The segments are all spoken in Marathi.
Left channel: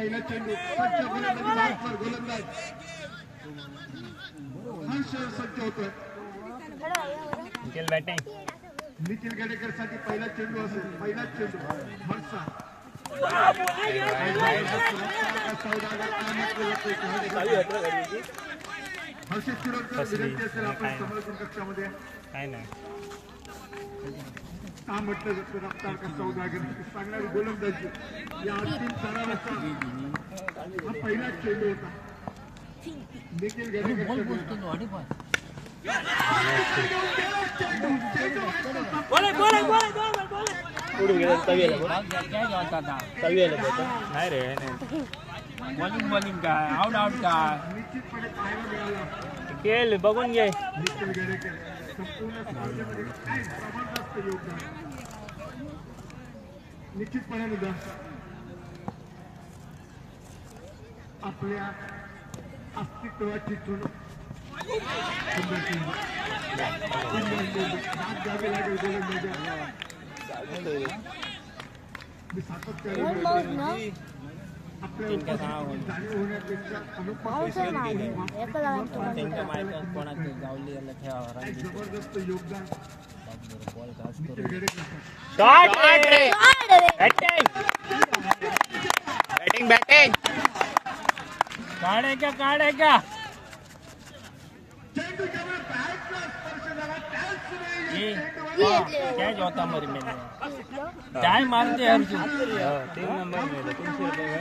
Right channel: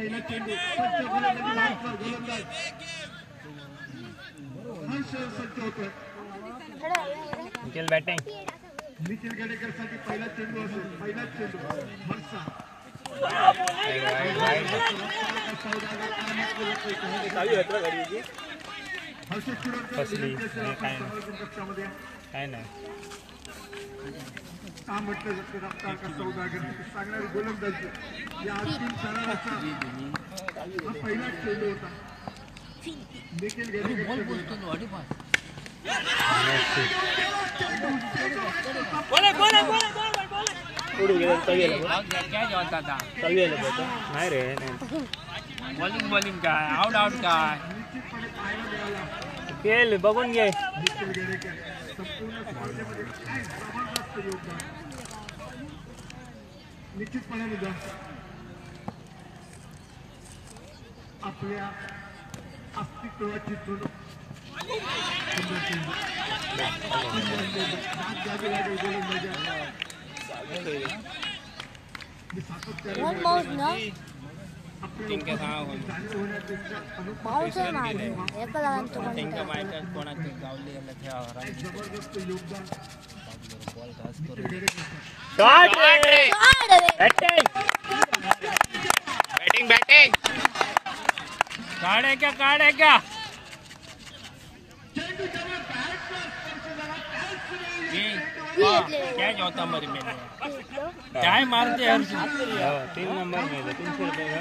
पहिला चेंडू सज्ज गोलंदाज हर्ष सज्ज होतोय. निखिल बॅटिंग. निखिल गडेकर साठी पहिला चेंडू असो. पहिला चेंडू हर्षा हर्ष कक्षामध्ये काय नाही काम म्हटलं सांगणारी गोलंदाजी या अंतिम सरावाचा पहिला चेंडू होता. निखिल गडेकर नाही रे बॉलिंग काय आउट काय निश्चितपणे पाहायला मिळाला. खेळ बघून घे. निखिल गडेकर संपूर्ण स्पर्धेमध्ये काय जबरदस्त योगदान. निश्चितपणे मुद्दा आपल्या अस्तित्वाची चूक जबरदस्त योगदान. बॅटिंग काढे का चेंडू जेव्हा बॅटला स्पर्श झाला त्याच क्या होता मरी मैंने काय मारते हर्ष 3 नंबर में 300 रुपये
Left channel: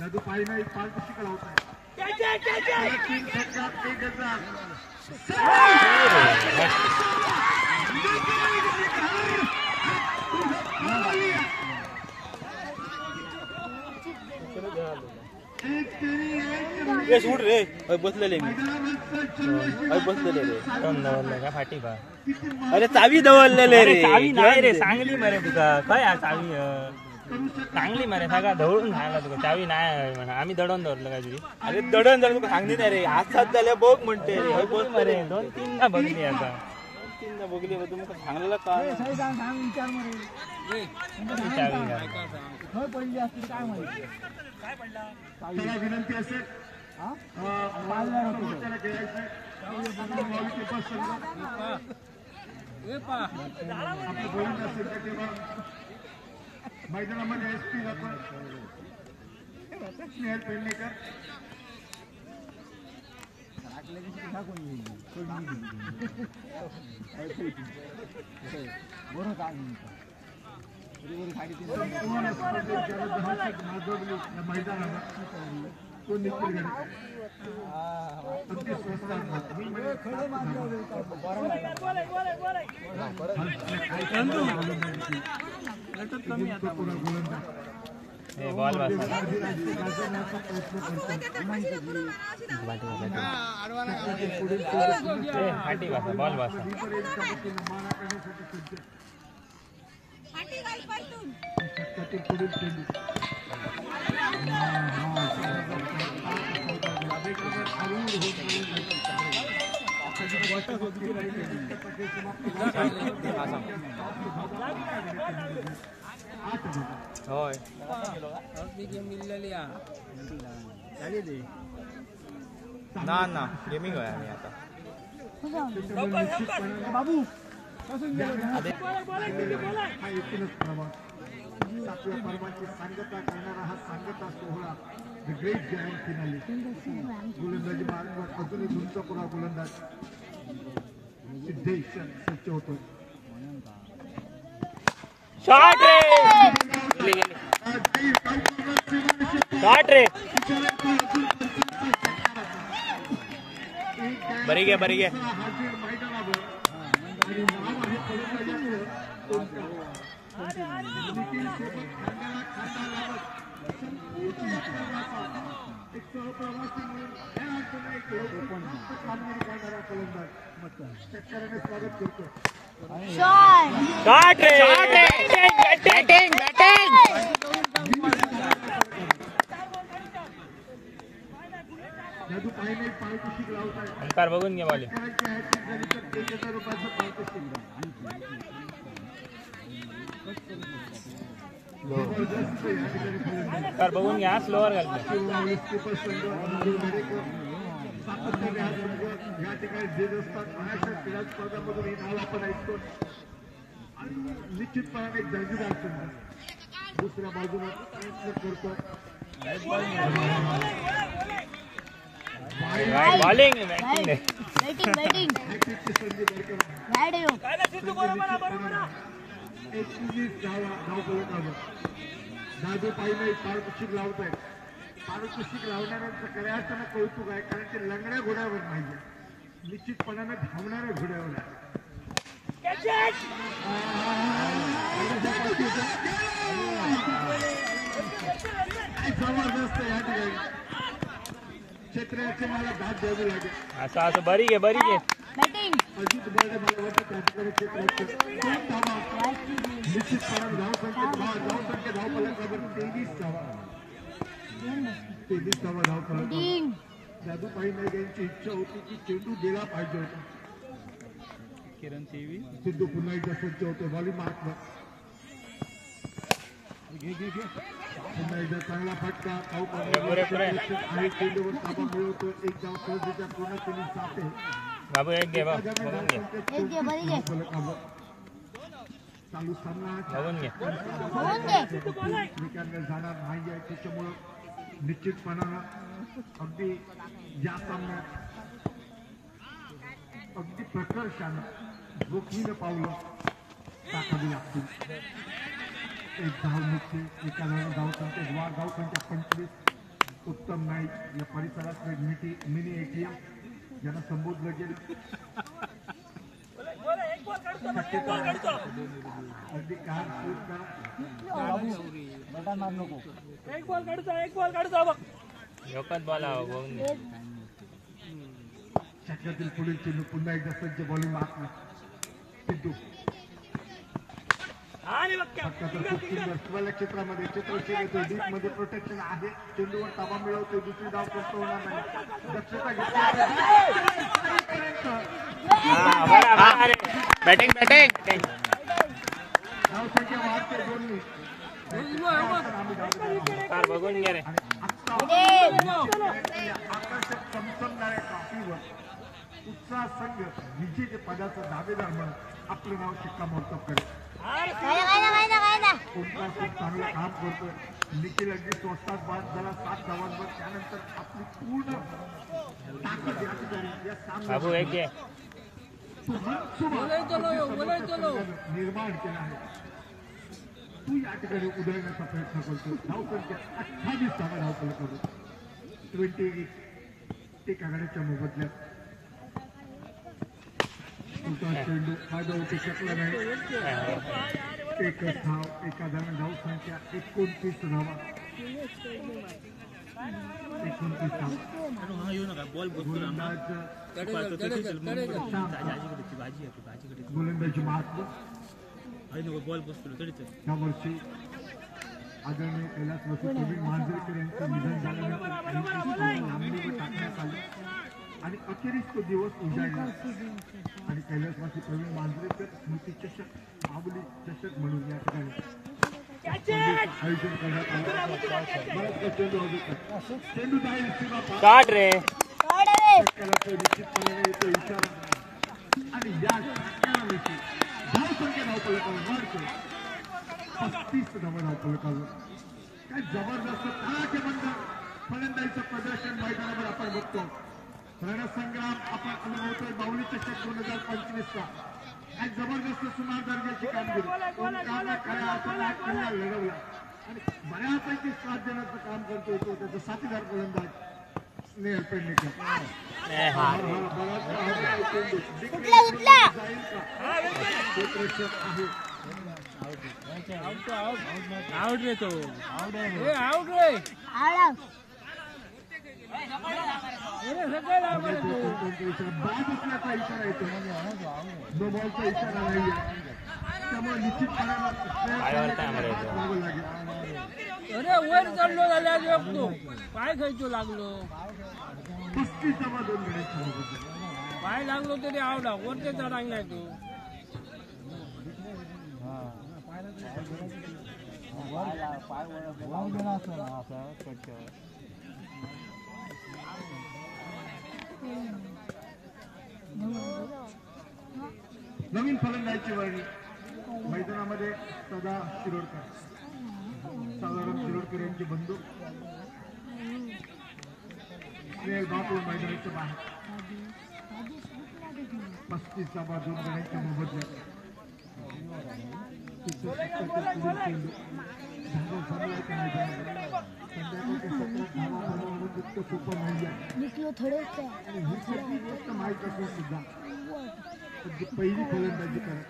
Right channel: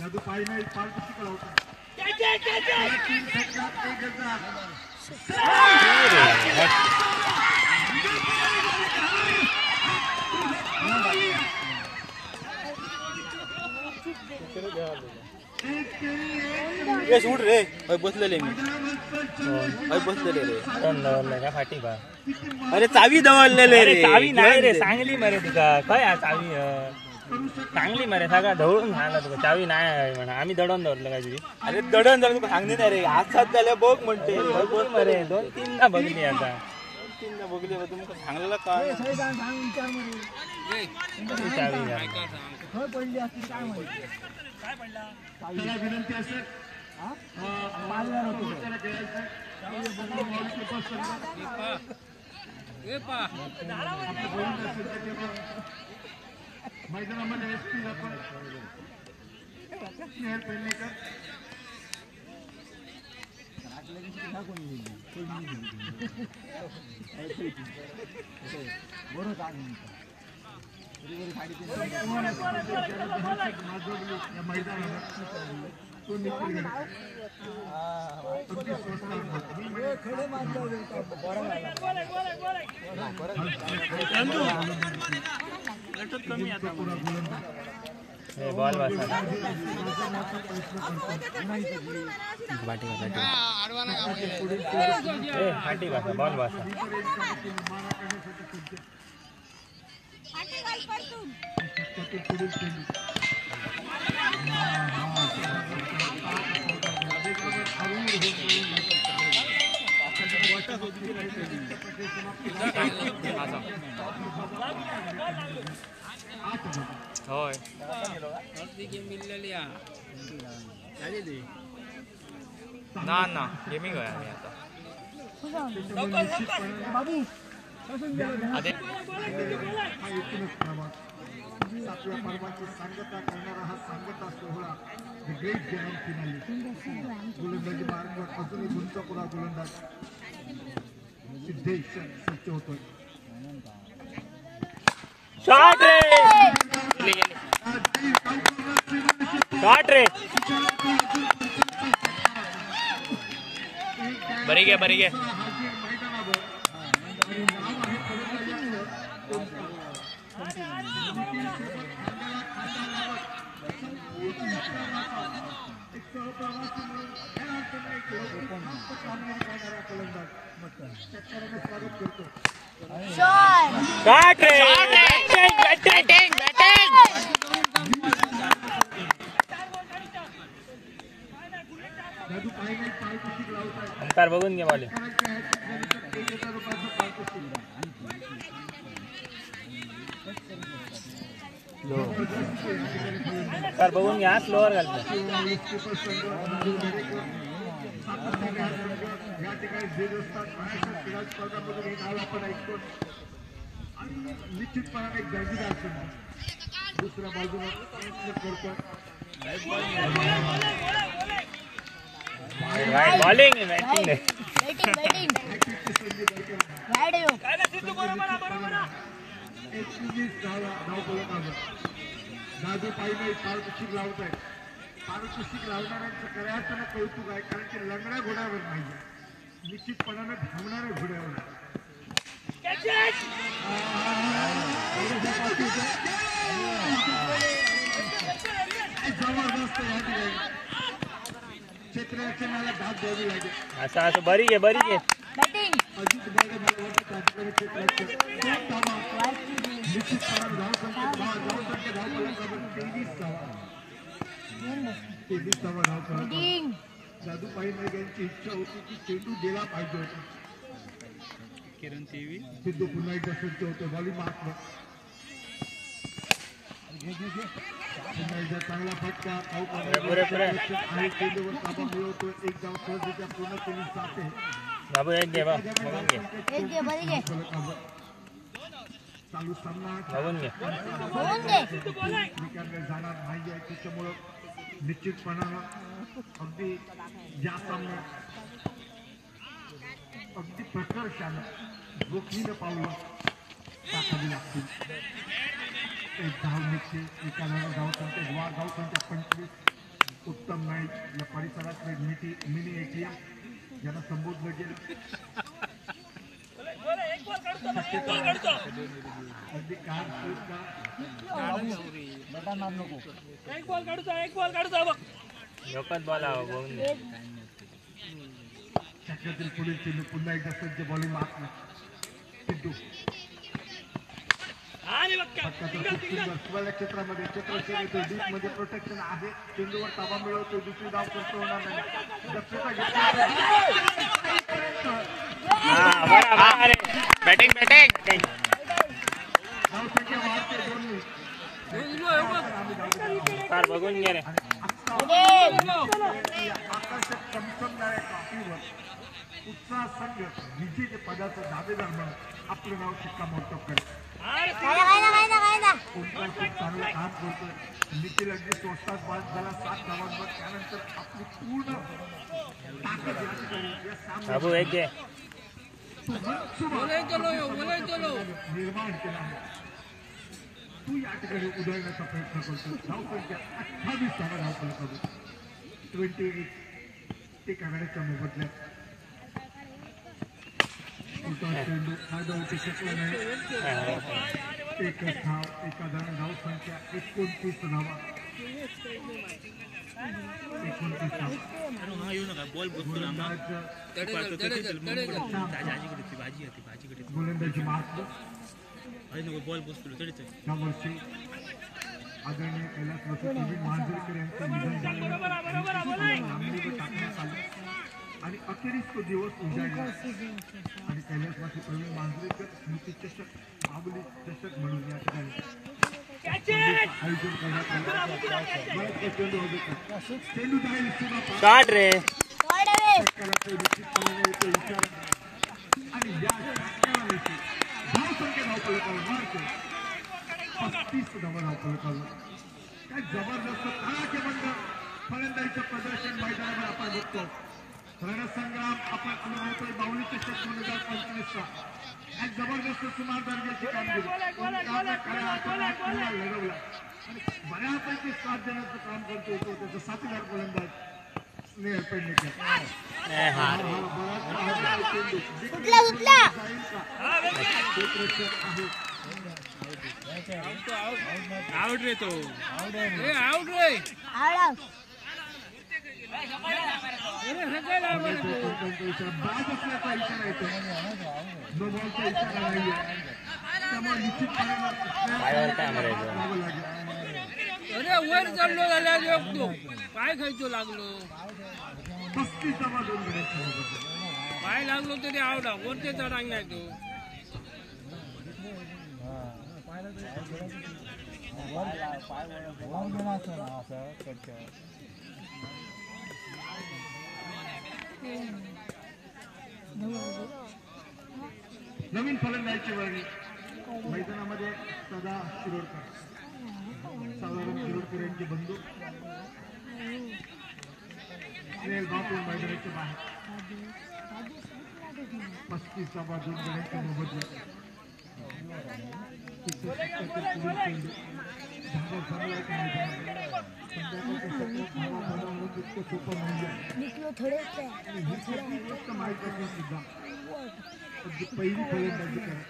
नदू पाई नाही पाल पुस्तकाला होता. सूट रे बसलेले मी बसलेले रे का फाटी का. अरे चावी दवललेले रे. चावी नाही रे चांगली मरे तुका काय चावी चांगली मरे सगळा धवळून झाला तुका चावी नाही म्हणा. आम्ही दडण धरलं काय तुझी. अरे दडण धरलं तुका सांगली नाही रे. हातात झाल्या बघ म्हणते मरे 2-3दा बघली आता. 3दा बघली तुमका सांगलेला काय चावी त्याला विनंती असेल आपली बोलणी असेल तर तेव्हा मैदानामध्ये एसपी जातो स्नेहल पेडणेकर. मैदानावर तो निखिल अगदी स्वस्त बॉल बसा फाटी बसा बॉल बसा. होय ना गेमिंग आहे आम्ही आता. हा एकूणच प्रवास आपल्या पर्वाची सांगता करणारा हा सांगता सोहळा ग्रेट ग्रँड फिनाले. गोलंदाजी मार्गावर अजूनही गुंतपुरा गोलंदाज सिद्धेश सज्ज होतोय. शॉट रे बरी घ्या अंतर बघून घे वाले. तर बघून घ्या स्लोअर घालतो या ठिकाणी जे असतात क्रीडा स्पर्धांमधून हे नाव आपण ऐकतो आणि निश्चितपणाने दर्जेदार संघ दुसऱ्या बाजूला प्रयत्न करतो बॉलिंग बॅटिंग दादू पाहिजे पारितोषिक लावत आहे पारितोषिक लावणाऱ्यांचं करायचं कौतुक आहे कारण ते लंगड्या घोड्यावर नाही निश्चितपणाने धावणाऱ्या घोड्यावर क्षेत्राचे मला दाद द्यावी लागेल असं असं बरी घे अजित मला वाटतं क्षेत्राचे निश्चितपणाने तेवीस धावा जादू पाहिजे यांची इच्छा होती की चेंडू दिला पाहिजे होता सिद्धू पुन्हा एकदा सज्ज होतो बॉलिंग मारतो पुन्हा एकदा चांगला फटका आणि चेंडूवर ताबा मिळवतो एक धाव सहजरित्या पूर्ण केली जाते बाबू एक घे चालू सामना जाणार नाही आहे त्याच्यामुळं निश्चितपणानं अगदी या सामन्यात अगदी प्रकर्षानं जोखमीनं पावलं टाकावी लागतील एक धाव निघते एका धाव संख्या धाव संख्या 25 उत्तम नाईक या परिसरात एक मिनी ATM ज्यांना संबोधलं गेलं अगदी कार शूट करा लोकच बोला छत्रातील पुढील चेंडू पुन्हा एकदा सज्ज बॉलिंग मारतो सिद्धू क्षेत्रामध्ये मध्ये प्रोटेक्शन आहे चेंडूवर ताबा मिळवतो दुसरी धाव करतो बॅटिंग धाव संख्या वाढते दोन्ही बघून घे रे आकर्षक उत्साह संघ विजेते पदाचा दावेदार म्हणून आपलं नाव शिक्कामोर्तब करत चांगलं काम करतो निखिल अगदी स्वस्तात बाद झाला 7 धावांवर त्यानंतर आपली पूर्ण बाबू एक घे निर्माण केला आहे तू या ठिकाणी उधळण्याचा प्रयत्न करतो धाव संख्या 28 त्याला धाव करतो 28 एक आघाडीच्या मोबदल्यात चेंडू फायदा होऊ शकला नाही एकच धाव एका धाव संख्या 29 धावा 29 गोलंदाजी मात्र यावर्षी आदरणीय कैलास वसुदेव मांजरेकर यांचं निधन झाल्यानंतर टाकण्यात आली आणि अखेरीस ते दिवस उजाडले आणि कैलासवासी प्रवीण मांजरेकर स्मृती चषक माऊली चषक म्हणून या ठिकाणी आयोजन करण्यात काढ रे आणि या धावपळी 35 धावा धावपळी काय जबरदस्त खेळाचे बंद फलंदाजीचं प्रदर्शन मैदानावर आपण बघतो रणसंग्राम आपण अनुभवतोय बावली चषक 2025चा एक जबरदस्त सुमार दर्जाची कामगिरी लढवला आणि बऱ्यापैकी 7 जणांचं काम करतो येतो त्याचा 7 गोलंदाज स्नेहल पेडणेकर आउट रे तो आउट रे अरे वर चढलो लागलो पाय खायचो लागलो पाय लागलो तरी आवडा वरते चढांग नाही तू नवीन फलंदाजी वर्णी मैदानामध्ये सदा शिरोडकर साधारण शिरोडकर यांचे बंधू बापूर मैदानाच्या बाहेर 35 2 गणांच्या मोबदल्यात थोडे माहीत असून सुद्धा पहिली फलंदाजी करत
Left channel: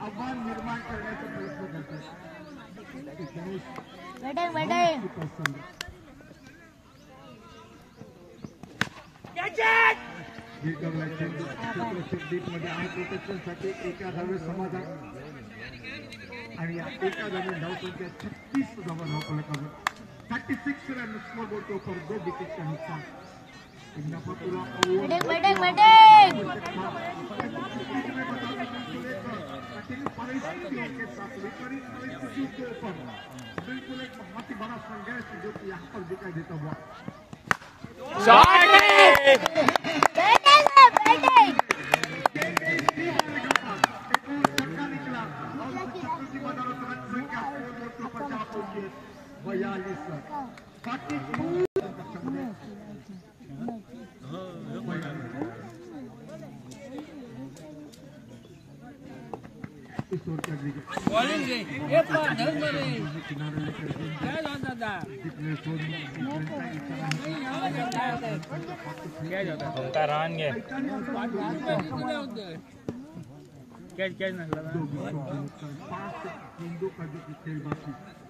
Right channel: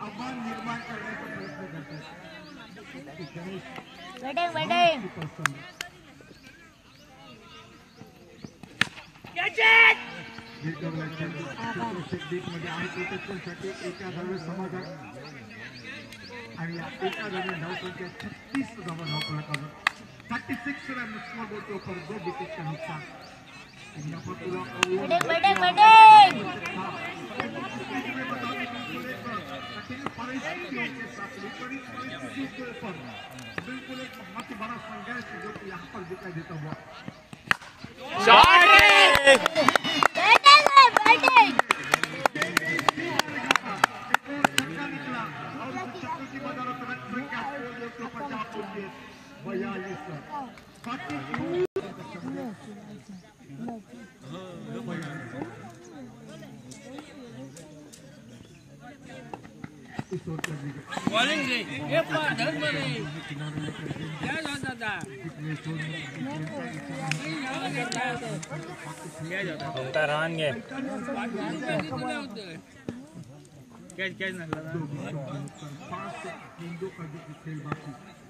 आव्हान निर्माण करण्याचा प्रयत्न करतात एका धावे समाधान आणि एका धावे धावसंख्या 36 धावा धावफलक 36 रन स्कोर बोलतो पर 2 विकेट का नुकसान बिल्कुल एक बहुत ही बड़ा संघर्ष जो कि यहाँ पर दिखा देता हुआ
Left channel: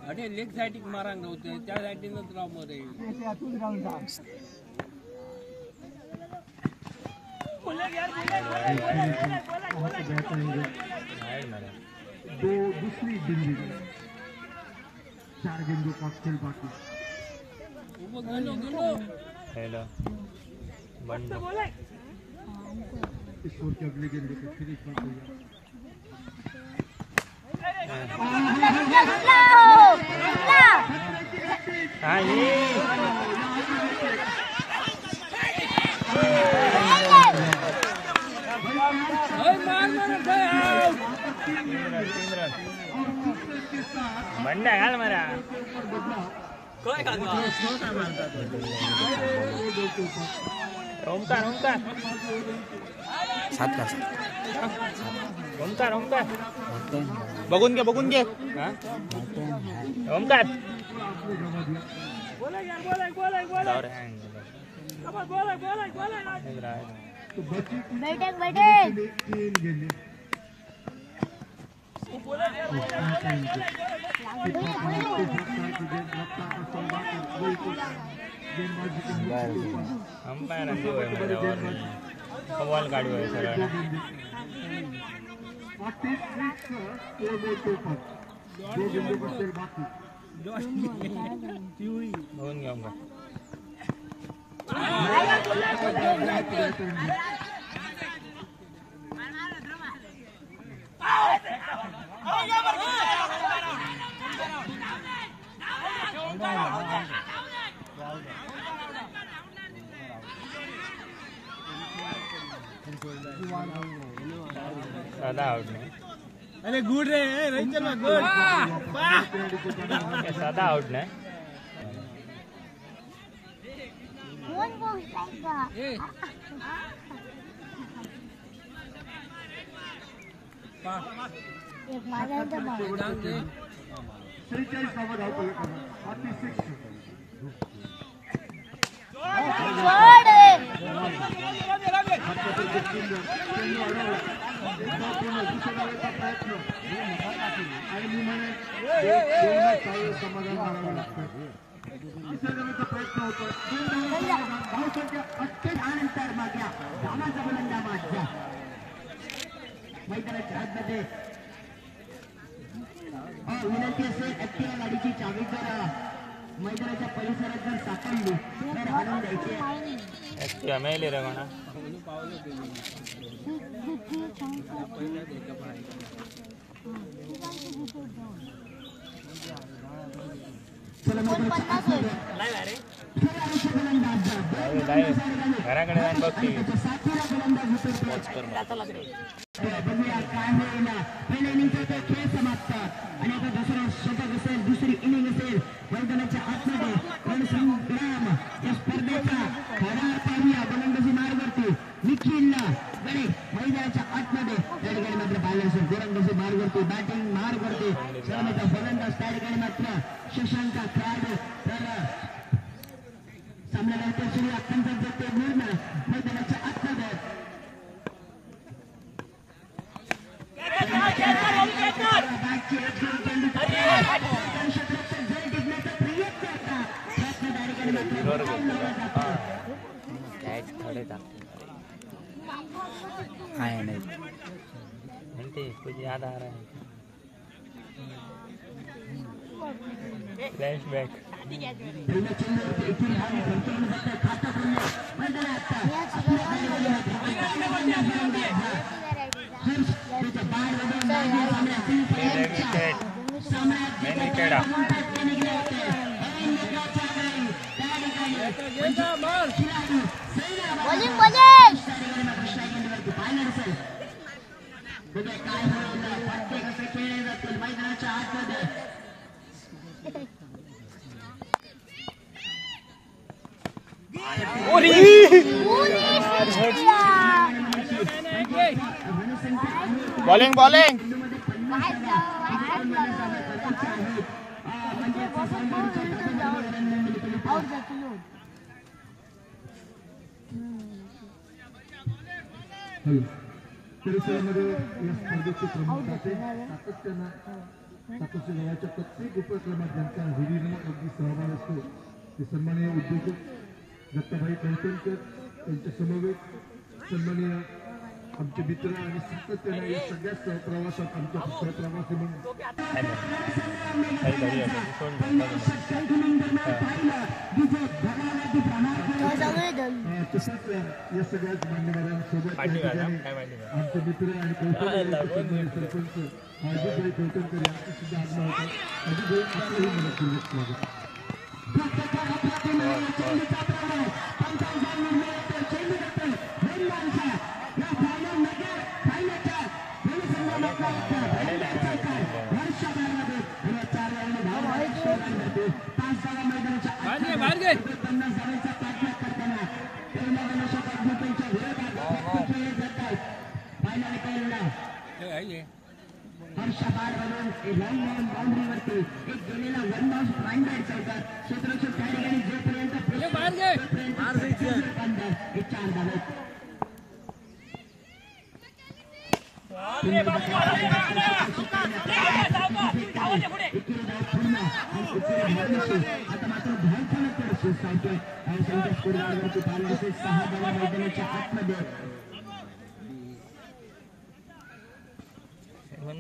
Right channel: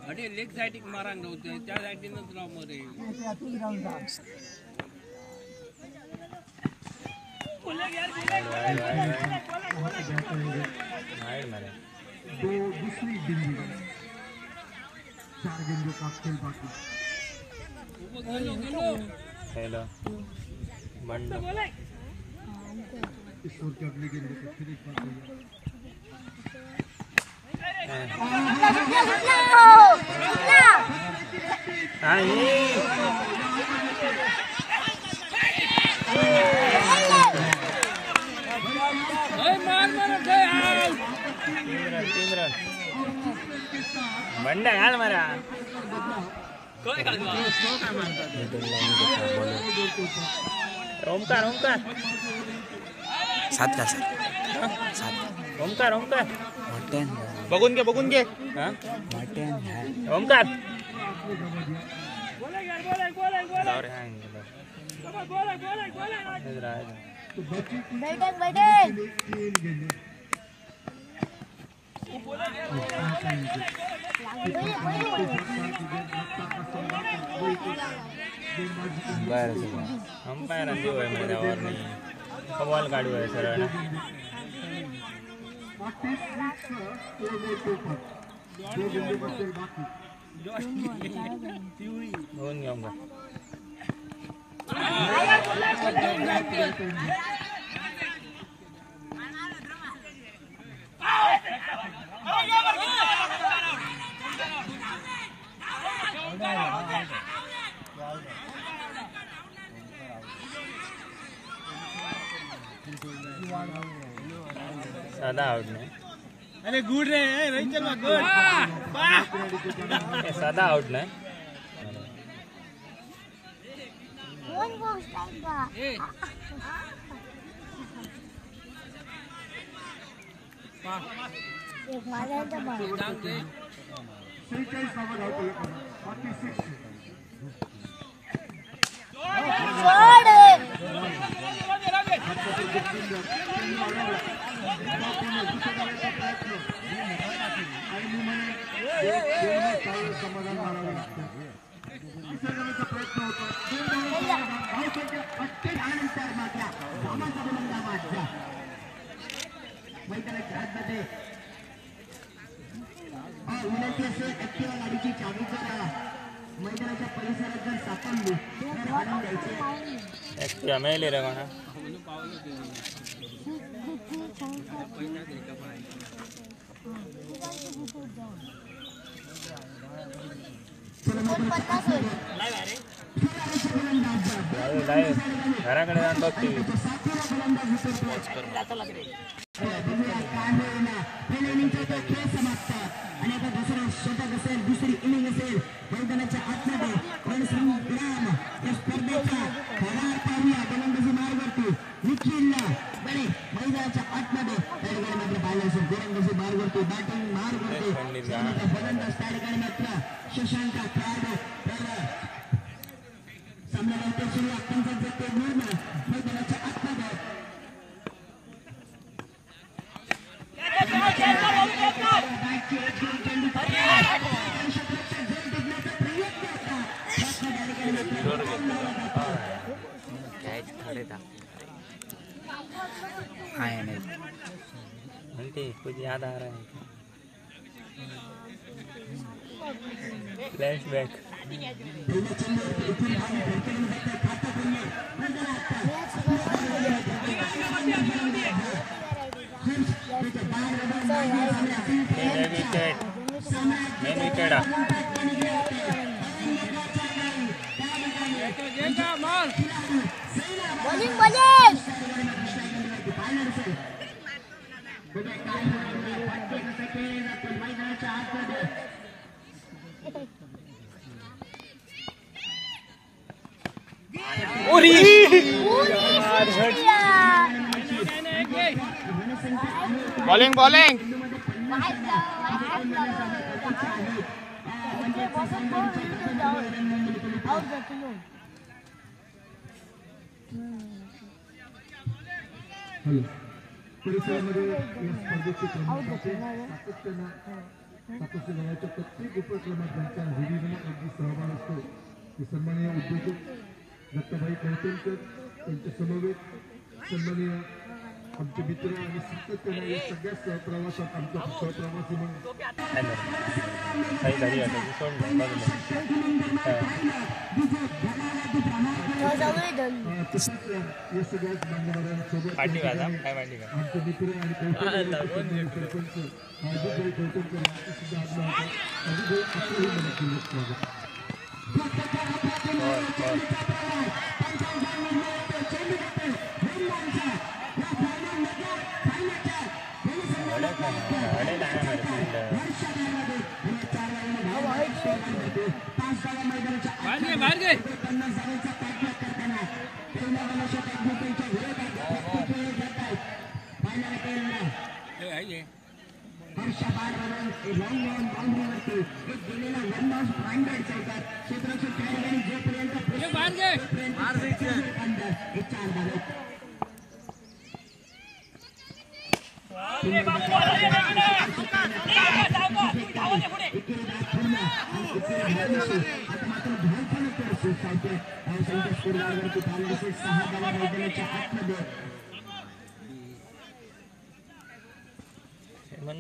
अरे लेग साइड मारांग होते त्या साइडीनच राव मरे दो दूसरी गेंद 4 गेंदों का खेल बाकी हेलो ईश्वर के अगली गेंद को फिर बंडा यार मरा ओमकार ओमकार 7 का सर ओमकार ओमकार बघून घे हा ओमकार अंपायर कवाल काढू आहे सरळ होऊन घेऊन का साधा आउट नाही अरे गुड रे रंजन गुड साधा आउट नाही मैदानाच्या परिसरात जर सापडली तर हाणून द्यायचे मेले रे म्हणा घराकडे जाऊन बघते दुसरी इनिंग असेल मैदानाच्या आतमध्ये स्पर्धेचा गोलंदाजी मार्गावरती निखिलला मैदानाच्या आतमध्ये त्या ठिकाणी मात्र पाहिलं असेल गोलंदाजी मार्गावरती बॅटिंग मार्गावरती गोलंदाज त्या ठिकाणी मात्र सुशांत सामन्यानंतर सुरू अत्यंत जगते निर्णय मैदानाच्या आतमध्ये आहे नाही म्हणते तुझी आधार आहे फ्लॅशबॅक बॉलिंग बॉलिंग परिसरामध्ये या स्पर्धेचे क्रमांकाचे सातत्य वयाच्या प्रत्येक उपक्रमात त्यांच्या हिरीने अगदी सहभाग असतो ते सन्माननीय उद्योजक दत्ताभाई कळसणकर त्यांच्या समवेत सन्माननीय आमचे मित्र आणि सातत्याने या सगळ्या सहप्रवासात आमच्या सहप्रवासी म्हणून या सगळ्याच मान्यवरांसोबत आमचे मित्र आणि सरपंच हार्दिकभाई कळसणकर यांचं सुद्धा आगमन होतं हार्दिकभाई आपलंही मनपूर्वक स्वागत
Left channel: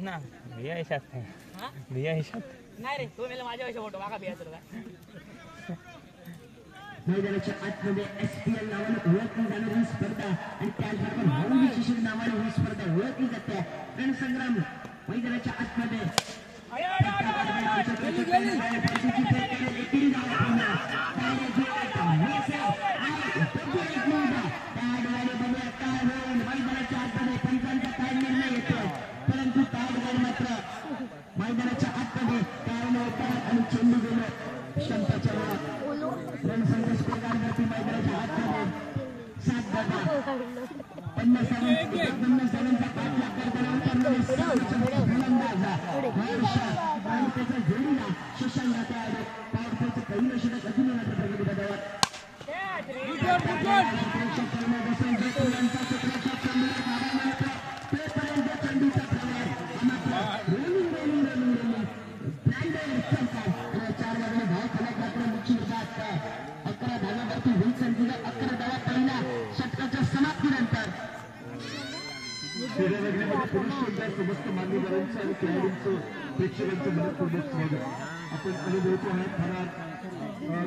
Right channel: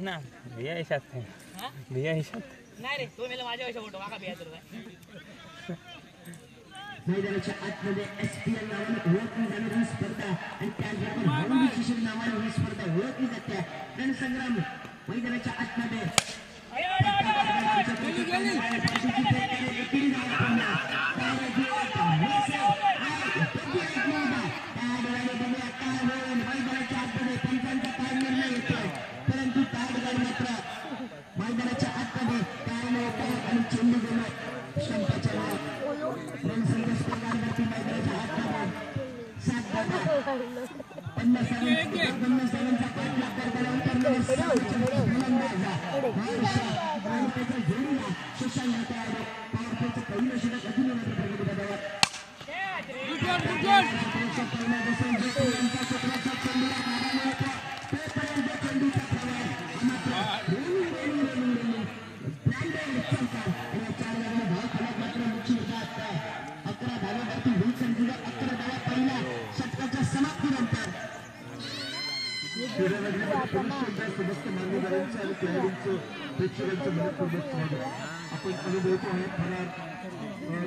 ना भैया हिसाब भैया हिसाब नाही रे तो मेला माझ्या पैसे फोटो मागा बिया तुला मैदानाच्या आतमध्ये SPL नावाने ओळखली जाणारी स्पर्धा आणि त्याचबरोबर हॉकी शिशिर नावाने ही स्पर्धा ओळखली जाते रणसंग्राम मैदानाच्या आतमध्ये परंतु मैदानाच्या आतमध्ये आणि चेंडू गेले शंकाच्या रणसंघ स्पर्धांवरती मैदानाच्या आतमध्ये 7 धावा 50 रनांचा पाठलाग करताना उतरलेले गोलंदाज आणि त्याच्या जोडीला सुशांत होते पॉवरफुलचं पहिलं षटक अजून मात्र प्रगती बदलत समस्त मान्यवरांचं आणि खेळाडूंचं प्रेक्षकांचं मनपूर्वक स्वागत आपण अनुभवतो आहे फरार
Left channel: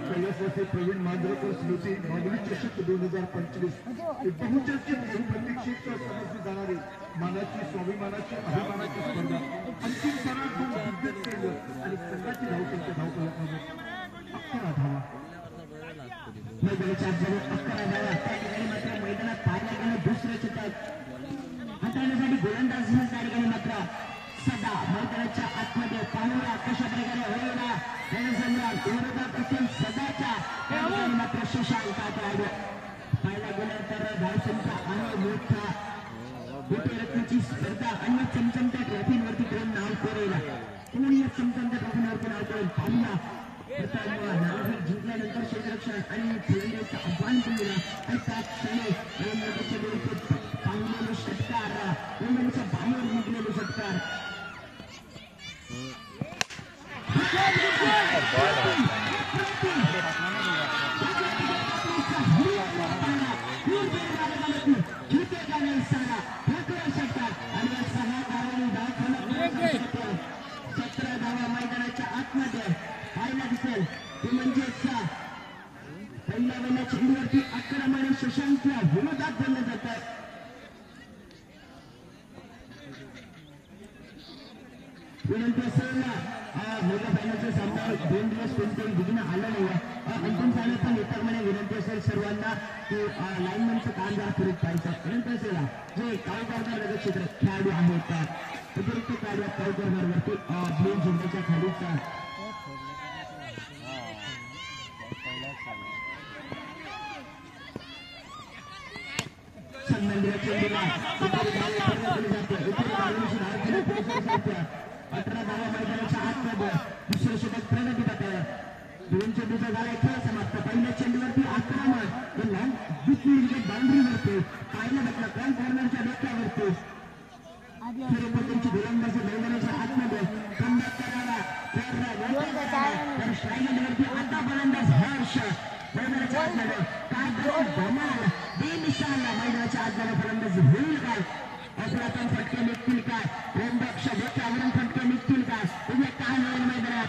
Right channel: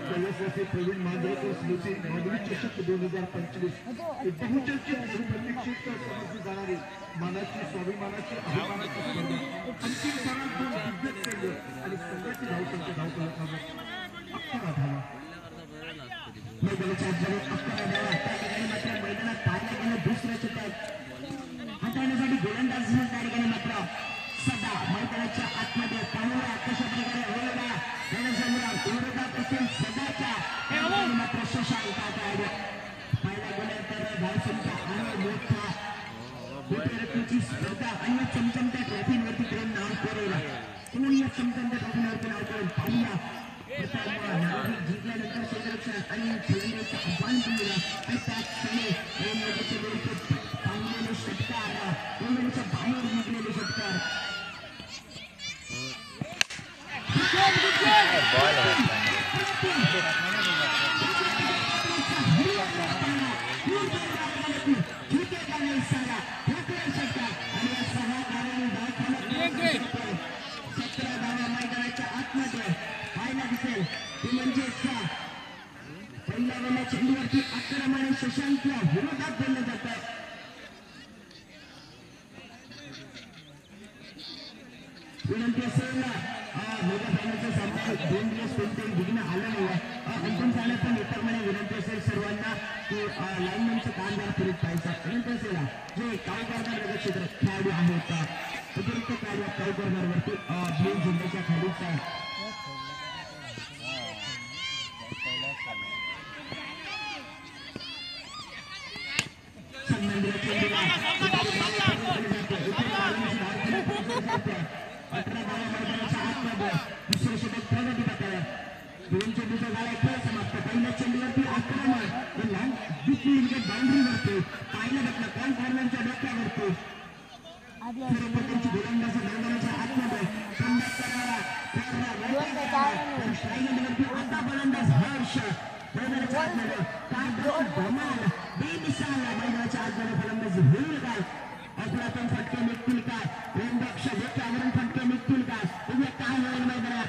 कैलासवासी प्रवीण मांजरेकर स्मृती माऊली चषक 2025 बहुचर्चित बहुप्रतीक्षित समजली जाणारी मानाची स्वाभिमानाची अभिमानाची स्पर्धा अंतिम सराव आणि संघाची धावसंख्या धावतो विनंती असेल मोठ्या पाण्याचे सामने 2 दिवस कोणतेही विघ्न आलं नाही अंतिम पाण्याचा मित्र मला विनंती असेल सर्वांना की लाईनमॅनचं काम जरा पुढे पाहायचं विनंती असेल जे काळूबाजार क्षेत्र खेळाडू आहेत उपयुक्त कार्य काळूबाजारवरती दोन जिल्ह्याच्या खालीचा दुसरे सोबत प्रगती करताय दोन चेंडूचा गाळा खेळ समाप्त पहिल्या चेंडूवरती आक्रमण हे लॉंग बिटवीन म्हणजे बाउंड्रीवरती पाहिलं घटना पॉईंट फॉर्मॅनच्या डोक्यावरती सूर्यप्रकाशची गोलंदाजी मैदानाच्या आतमध्ये संमत करणारा पण श्राईनवरती आता गोलंदाज हर्ष मैदानाच्या आतमध्ये काय दोन धमाल बेमिसाल मैदानाच्या आतमध्ये फलंदाजी होईल काय अफरातून फटके निघतील काय प्रेमपेक्षा देखील फटके निघतील काय तुम्ही काय नवीन मैदानात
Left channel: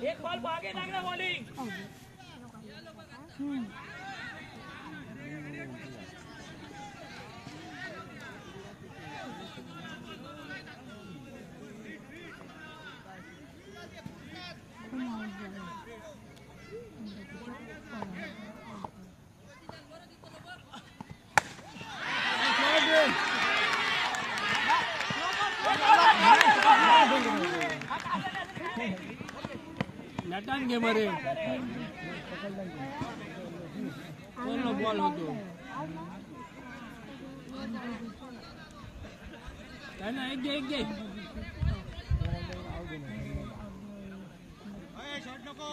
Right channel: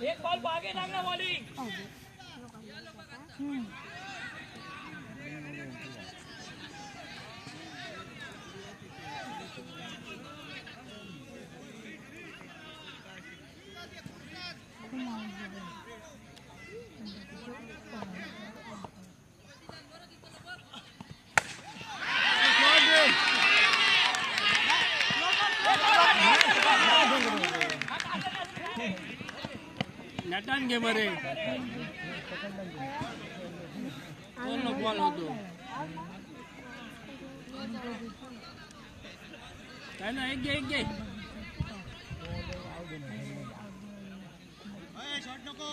एक बॉल आगे लागना बॉलिंग नटान घे मरे पूर्ण बॉल होतो काय ना एक घे शॉट नको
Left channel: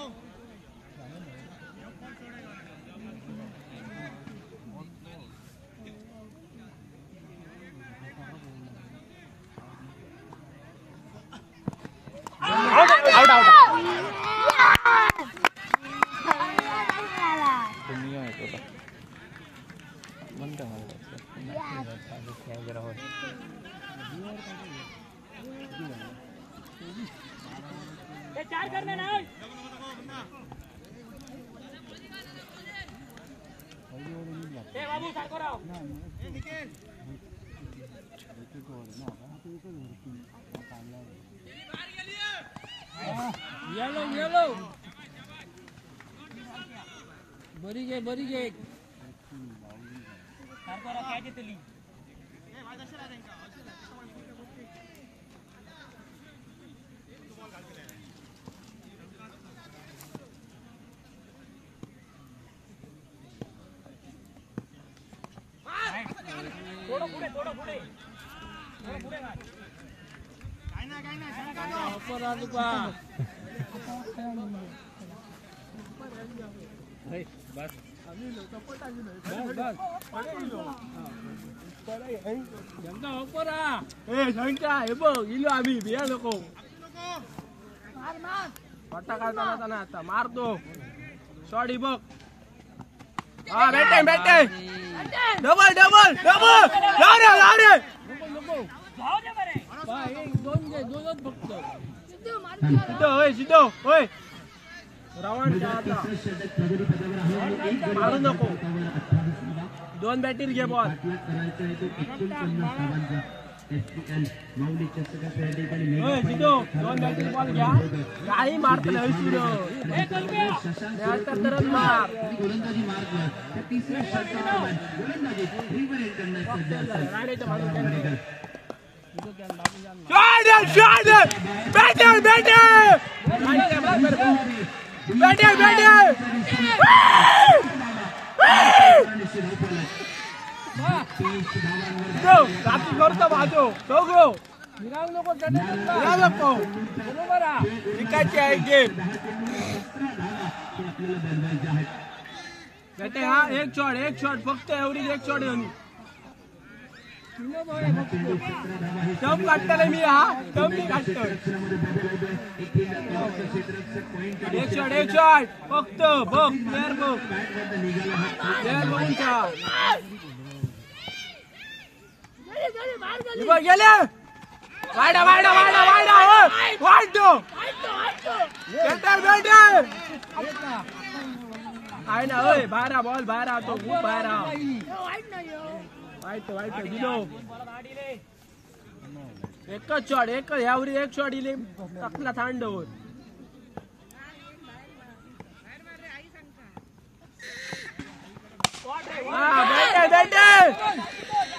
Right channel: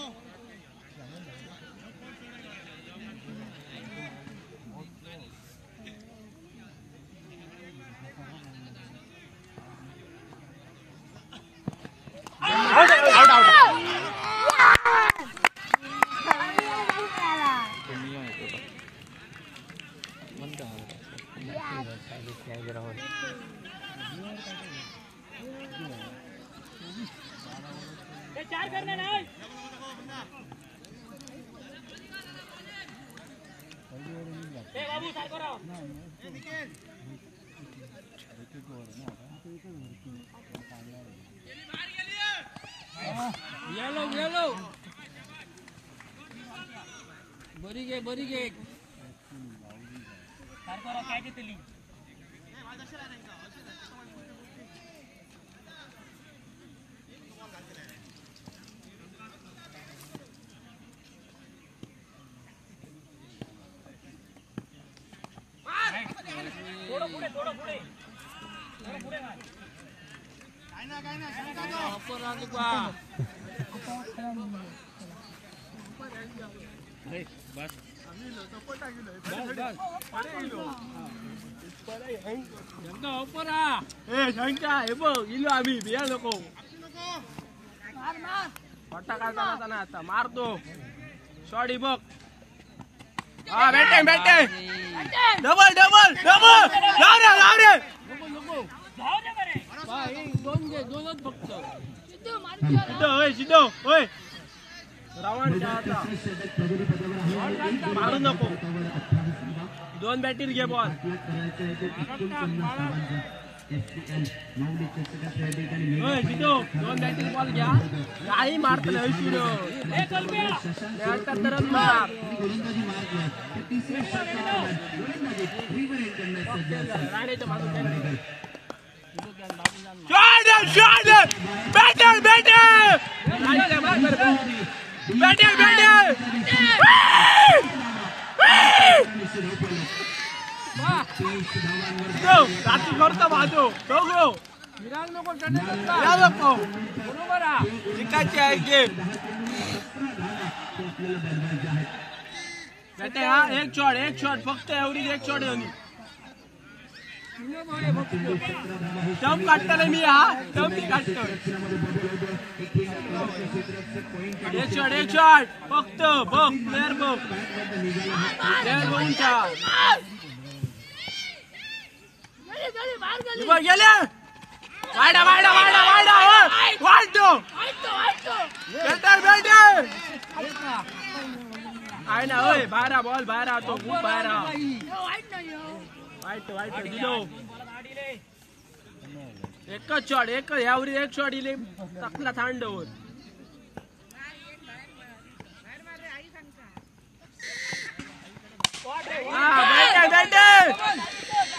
चार करना ना बाबू सारखं राव येलो बरी घे सारखं राव काय देतली थोडं पुढे आता मारतो सॉरी बघ बेटे डबल दोनच फक्त होय तिसरे षटक प्रगतीपथावर आहे. एक गडी मारू नको. 28 2 बॅटीर घे बॉल. करायचं आहे ते 49 धावांचा FPL मौलिक चषकाच्या या ठिकाणी मेगा ओय जितो 2 बॅटीर बॉल घ्या. नाही मारत नाही सुरू. गोलंदाजी मारला तर तिसऱ्या षटकात गोलंदाजी रिव्हर करण्याचा सज्ज असेल. जिंकायची आहे गेम. हा एक शॉट फक्त एवढी एक शॉट येऊन टम काढताना मी हा टम मी काढतो. एक शॉट फक्त बघ प्लेअर बघ गेले वाडा वाडा वाडा वाडा वाढतो आहे ना. होय बाहेर बॉल बाहेर तो खूप बाहेर एकच शॉट एक यावरी एक शॉट इले तकला थांडवर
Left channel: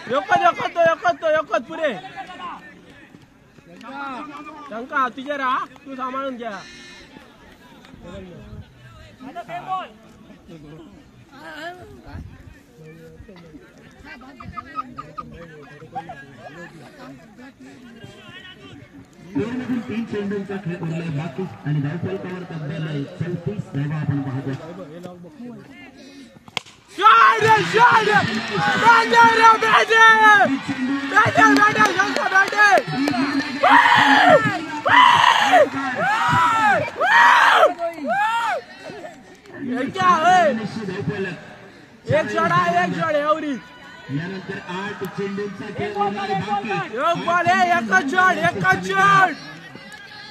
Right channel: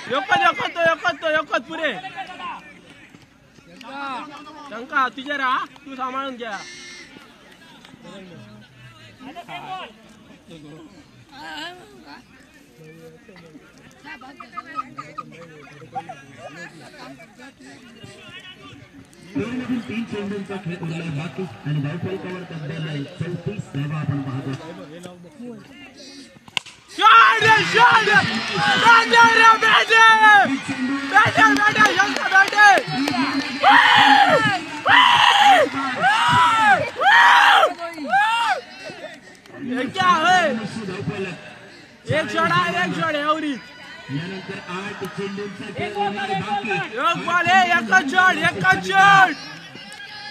एकच पुरे शंका तुझ्या राहा तू सांभाळून घ्या. खेळामधील 3 चेंडूंचा खेळ उरलाय बाकी आणि धावफलकावर तब्बल 34 धावा आपण पाहतो. एक शॉट एवढी यानंतर 8 चेंडूंचा खेळ उरलाय बाकी. एक बॉल एकच शॉट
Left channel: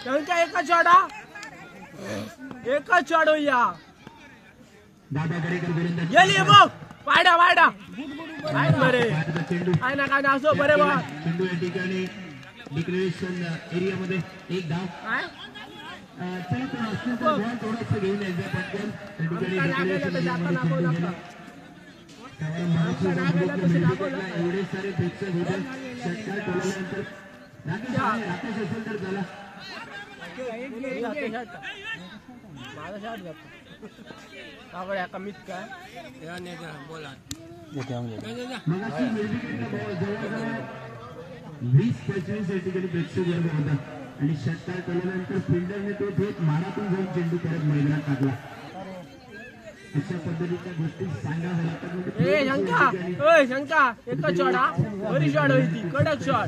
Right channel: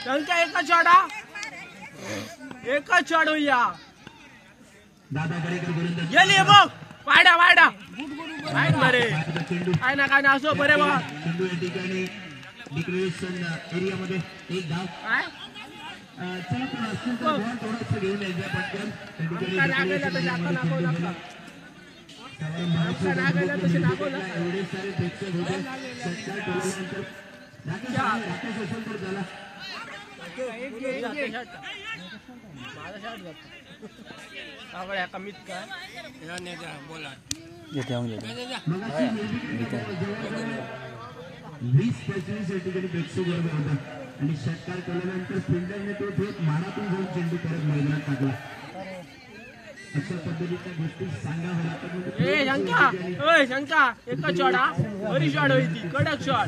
त्यांचा एकच शॉट एकच शॉट होईया. दादा गडेकर गोलंदाज गेली बघ वाडा वाडा बरे काय ना असो बरे बा. चेंडू या ठिकाणी डिक्लेरेशन एरियामध्ये एक धाव. चला पण असतील तर बॉल थोडंसं घेऊन यायचा पटकन. त्या ठिकाणी डिक्लेरेशन एरियामध्ये चेंडू गेला. एवढे सारे प्रेक्षक होते षटकार ठेवल्यानंतर राकेश असेल तर झाला. कमीत काय बोला 20-25 या ठिकाणी प्रेक्षक वर्ग होता आणि षटकार केल्यानंतर फिल्डरने तो थेट मारातून जाऊन चेंडू परत मैदानात टाकला. अशा पद्धतीच्या गोष्टी सांगाव्या लागतात. शंका एकच शॉट बरी शॉट होती कडक शॉट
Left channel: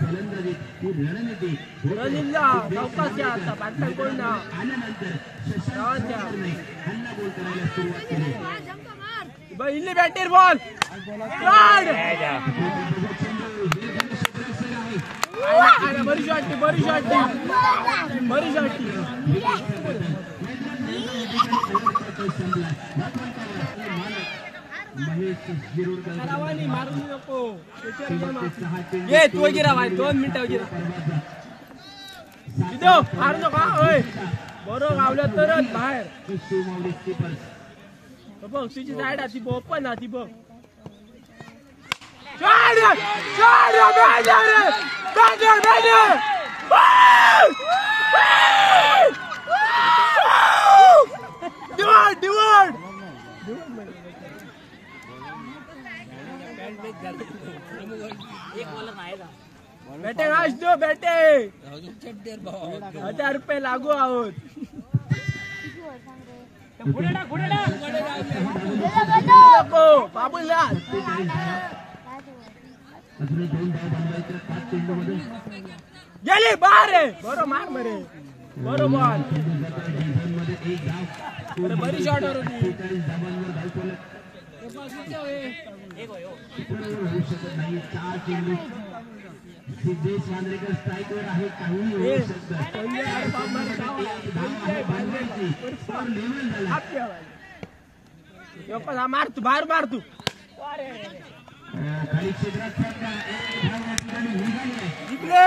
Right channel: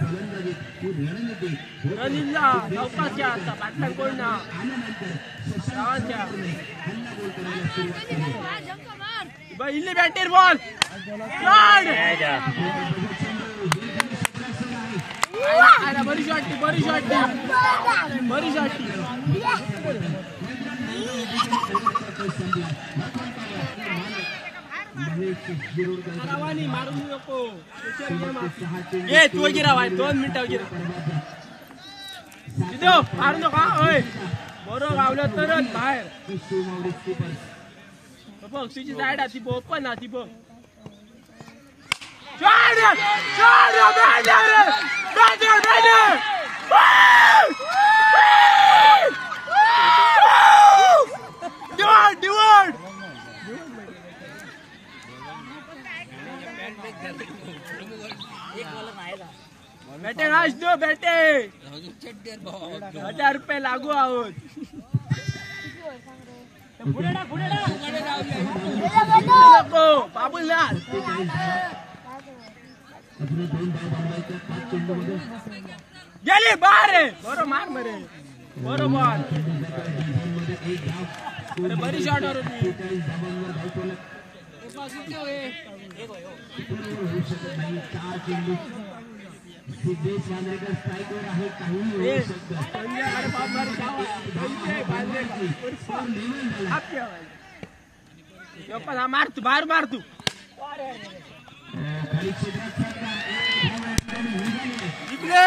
फलंदाजी ही रणनीती हल्ला गोल करायला सुरुवात केली. इल्ली बॅटर बॉल बरी शॉट मारू नको ये तू गिरा भाई 2 मिनिटं गिरा मारू नका. बरोबर गावलं तरच बाहेर बघ तुझी साईड ती बघ पण ती बघ बेटे आज दो बेटे 1000 रुपये लागू आहोत. बाबूलाल गेली बारे बरो मार मरे बरोबर बरी शॉट सिद्धेश वांद्रेकर स्ट्राईकवर आहे, काही होऊ शकतं. स्कोर लेवल झाला. मार तू बाहेर मार तू खाली क्षेत्रात सरका, एक धाव या ठिकाणी निघाली. इकडे